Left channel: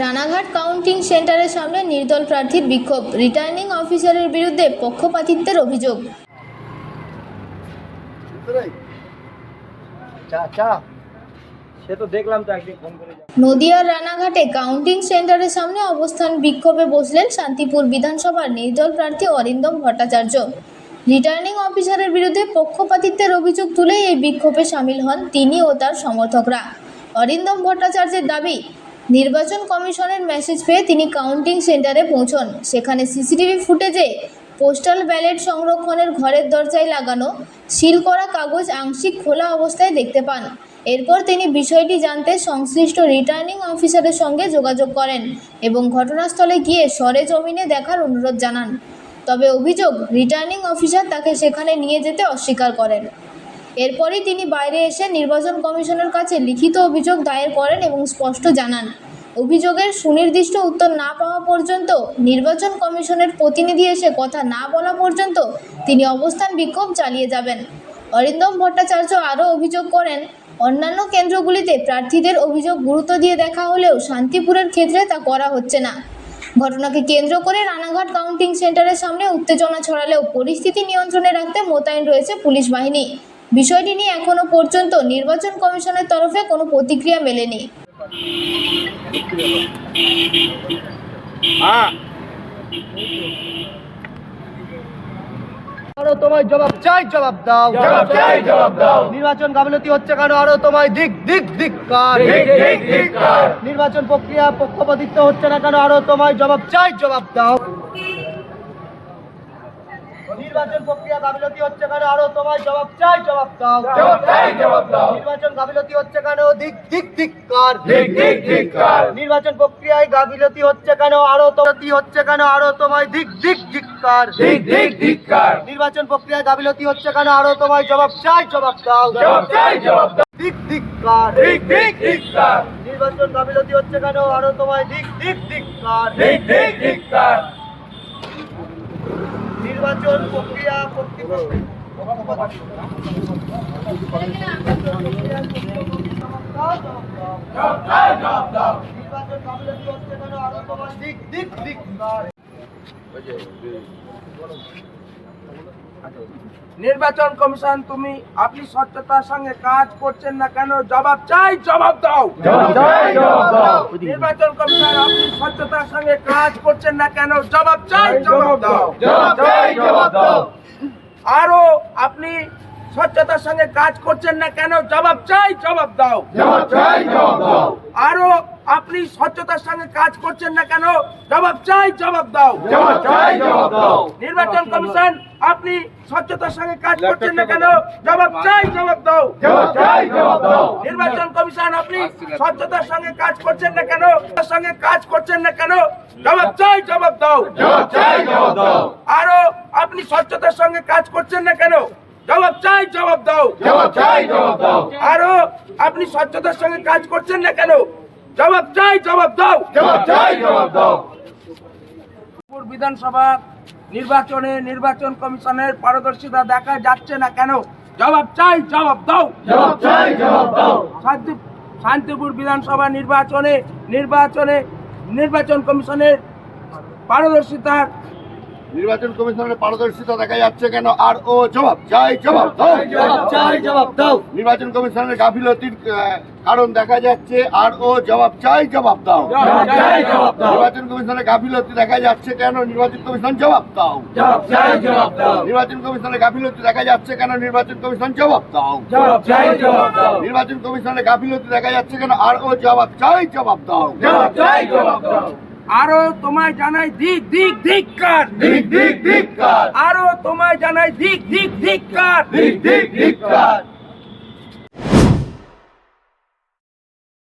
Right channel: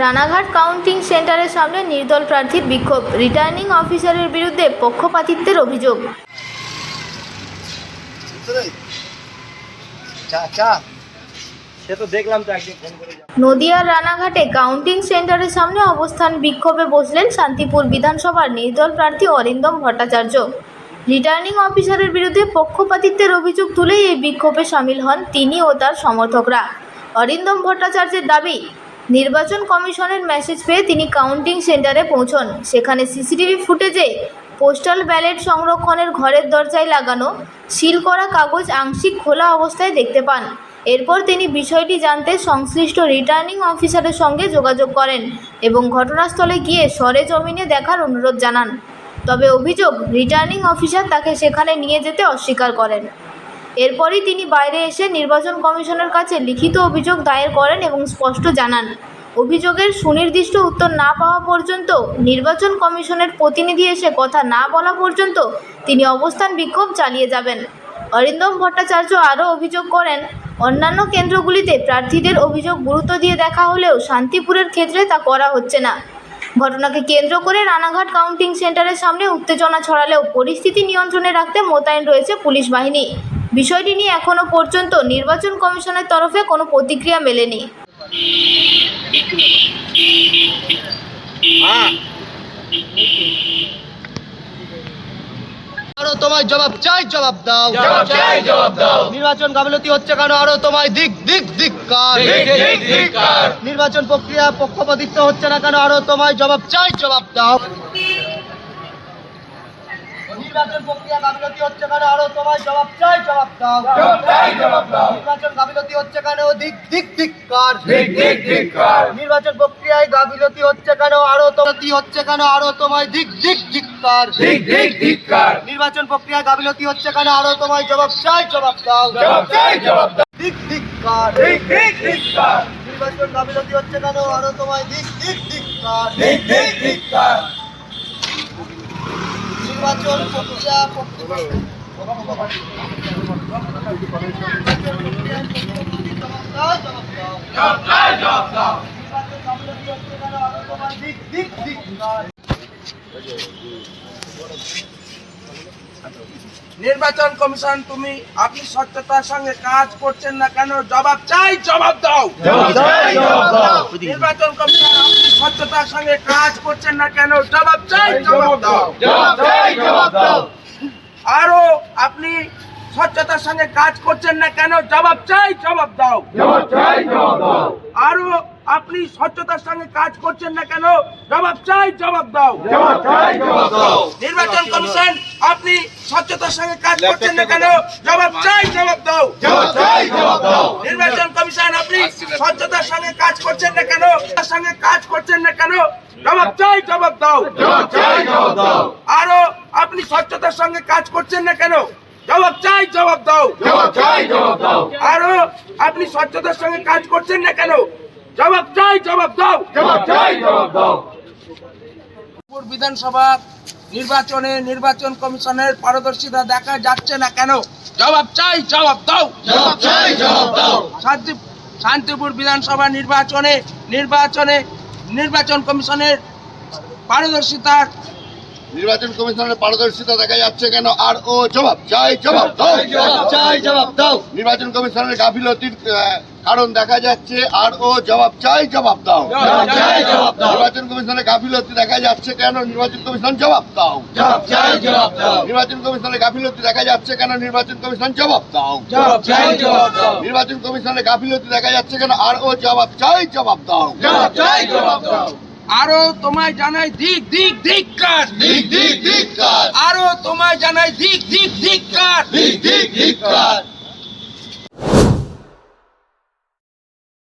Ranaghat counting সেন্টারের সামনে নির্দল প্রার্থীর বিক্ষোভ, রিটার্নিং অফিসারের বিরুদ্ধে পক্ষপাতিত্বের অভিযোগ। নদিয়ার রানাঘাটে কাউন্টিং সেন্টারের সামনে অবস্থান বিক্ষোভে বসলেন শান্তিপুর বিধানসভার নির্দল প্রার্থী অরিন্দম ভট্টাচার্য। রিটার্নিং অফিসারের বিরুদ্ধে পক্ষপাতিত্বের অভিযোগ তুলেই এই বিক্ষোভে সামিল হন তিনি ও তার সমর্থকরা। অরিন্দম ভট্টাচার্যের দাবি, নির্বাচন কমিশনের মেসেজ পেয়ে তিনি কাউন্টিং সেন্টারে পৌঁছন। সেখানে সিসিটিভি ফুটেজে পোস্টাল ব্যালট সংরক্ষণের ঘরের দরজায় লাগানো সিল করা কাগজ আংশিক খোলা অবস্থায় দেখতে পান। এরপর তিনি বিষয়টি জানতে সংশ্লিষ্ট রিটার্নিং অফিসারের সঙ্গে যোগাযোগ করেন এবং ঘটনাস্থলে গিয়ে সরেজমিনে দেখার অনুরোধ জানান। তবে অভিযোগ, রিটার্নিং অফিসার তাকে সেখানে নিয়ে যেতে অস্বীকার করেন। এরপরই তিনি বাইরে এসে নির্বাচন কমিশনের কাছে লিখিত অভিযোগ দায়ের করেন এবং স্পষ্ট জানান, অভিযোগের সুনির্দিষ্ট উত্তর না পাওয়া পর্যন্ত, নির্বাচন কমিশনের প্রতিনিধি এসে কথা না বলা পর্যন্ত তিনি অবস্থান বিক্ষোভ চালিয়ে যাবেন। অরিন্দম ভট্টাচার্য আরও অভিযোগ করেন, অন্যান্য কেন্দ্রগুলিতে প্রার্থীদের অভিযোগ গুরুত্ব দিয়ে দেখা হলেও শান্তিপুরের ক্ষেত্রে তা করা হচ্ছে না। ঘটনাকে কেন্দ্র করে রানাঘাট কাউন্টিং সেন্টারের সামনে উত্তেজনা ছড়ালেও পরিস্থিতি নিয়ন্ত্রণে রাখতে মোতায়েন রয়েছে পুলিশ বাহিনী। বিষয়টি নিয়ে এখনও পর্যন্ত নির্বাচন কমিশনের তরফে কোনো প্রতিক্রিয়া মেলেনি। আরো তোমায় জবাব চাই, জবাব দাও, জবাব চাই, জবাব দাও। নির্বাচন গাফিলতি হচ্ছে কেন? আরো তোমায় ধিক্কার। নির্বাচন প্রক্রিয়া পক্ষপাতিত্ব হচ্ছে না কেন? আরো তোমায় জবাব চাই, জবাব দাও। নির্বাচন প্রক্রিয়া গাফিলতি হচ্ছে কেন? আরো তোমায় জবাব চাই, জবাব দাও, জবাব চাই, জবাব দাও। নির্বাচন গাফিলতি হচ্ছে কেন? ধিক্কার। নির্বাচন প্রক্রিয়ায় গাফিলতি হচ্ছে কেন? আরো হচ্ছে কেন? আরো তোমায় ধিক্কার। নির্বাচন প্রক্রিয়া গাফিলতি হচ্ছে কেন? আরো তোমায় জবাব চাই, জবাব দাও, জবাব চাই, জবাব দাও। ধিক্কার। নির্বাচন গাফিলতি হচ্ছে কেন? আরো তোমায় ধিক্কার। নির্বাচন প্রক্রিয়া নির্বাচন কমিশন আপনি স্বচ্ছতার সঙ্গে কাজ করছেন না কেন? জবাব চাই, জবাব দাও। নির্বাচন কমিশন আপনি স্বচ্ছতার সঙ্গে কাজ করছেন না কেন? জবাব চাই, জবাব দাও। আরো আপনি স্বচ্ছতার সঙ্গে কাজ করছেন না কেন? জবাব চাই, জবাব দাও। আরো আপনি স্বচ্ছতার সঙ্গে কাজ করছেন না কেন? জবাব চাই, জবাব দাও। নির্বাচন কমিশন আপনি স্বচ্ছতার সঙ্গে কাজ করছেন না কেন? জবাব চাই, জবাব দাও। নির্বাচন কমিশন আপনি স্বচ্ছতার সঙ্গে কাজ করছেন না কেন? জবাব চাই, জবাব দাও। আরো আপনি স্বচ্ছতার সঙ্গে কাজ করছেন না কেন? জবাব চাই, জবাব দাও। আরো আপনি স্বচ্ছতার সঙ্গে কাজ করছেন না কেন? জবাব চাই, জবাব দাও। বিধানসভা নির্বাচনে নির্বাচন কমিশনের পারদর্শিতা দেখা যাচ্ছে না কেন? জবাব চাই, জবাব দাও। শান্তিপুর বিধানসভা নির্বাচন কমিশনের পারদর্শিতার দেখা যাচ্ছে কেন? আর ও জবাব চাই, জবাব দাও, জবাব দাও। নির্বাচন কমিশনের গাফিলতির কারণ দেখা যাচ্ছে, আর ও জবাব চাই, জবাব দাও। নির্বাচন কমিশনের গাফিলতি দেখা যাচ্ছে কেন? নির্বাচন কমিশন জবাব দাও, নির্বাচন কমিশনের গাফিলতি দেখা যাচ্ছে কেন? নির্বাচন কমিশন জবাব দাও, নির্বাচন কমিশনের গাফিলতি দেখা যাচ্ছে কেন? আর ও জবাব চাই, জবাব দাও। আরো তোমায় জানাই ধিক্কার। আরো তোমায় জানাই ধিক্কার।